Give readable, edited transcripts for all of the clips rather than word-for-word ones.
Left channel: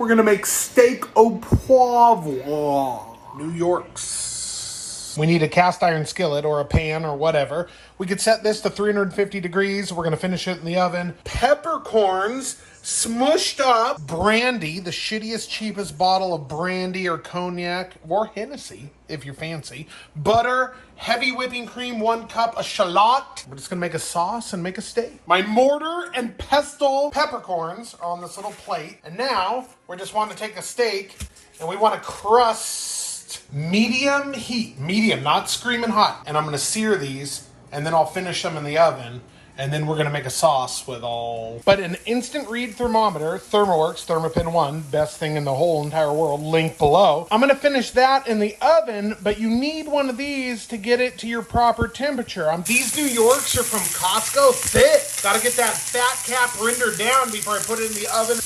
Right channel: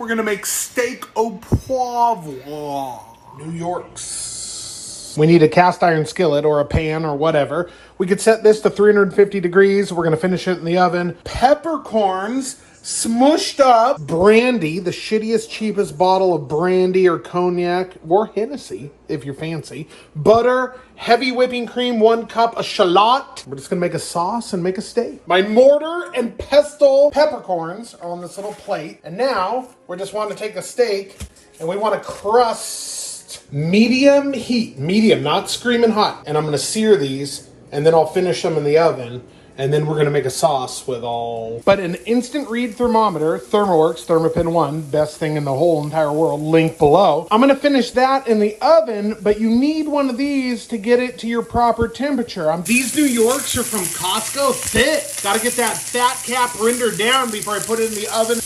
We're gonna make steak au poivre. New York's. We need a cast iron skillet or a pan or whatever. We could set this to 350 degrees. We're gonna finish it in the oven. Peppercorns, smushed up. Brandy, the shittiest, cheapest bottle of brandy or cognac or Hennessy, if you're fancy. Butter, heavy whipping cream, 1 cup of shallot. We're just gonna make a sauce and make a steak. My mortar and pestle peppercorns are on this little plate. And now, we just want to take a steak and we want to crust medium heat. Medium, not screaming hot. And I'm gonna sear these and then I'll finish them in the oven. And then we're gonna make a sauce with all. But an instant read thermometer, Thermoworks, Thermopin 1, best thing in the whole entire world, link below. I'm gonna finish that in the oven, but you need one of these to get it to your proper temperature. These New Yorks are from Costco, thick. Gotta get that fat cap rendered down before I put it in the oven.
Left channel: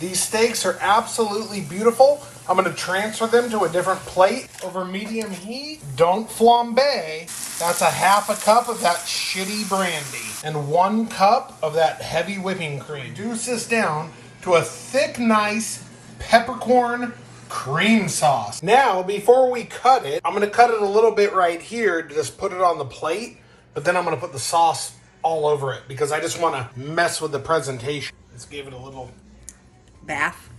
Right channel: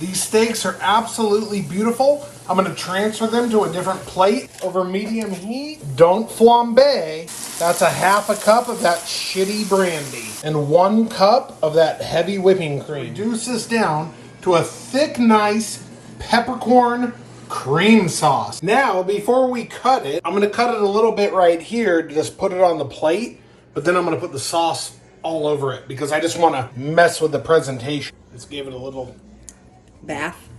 These steaks are absolutely beautiful. I'm gonna transfer them to a different plate over medium heat. Don't flambe. That's a half a cup of that shitty brandy and 1 cup of that heavy whipping cream. Reduce this down to a thick, nice peppercorn cream sauce. Now, before we cut it, I'm gonna cut it a little bit right here to just put it on the plate, but then I'm gonna put the sauce all over it because I just wanna mess with the presentation. Let's give it a little bath.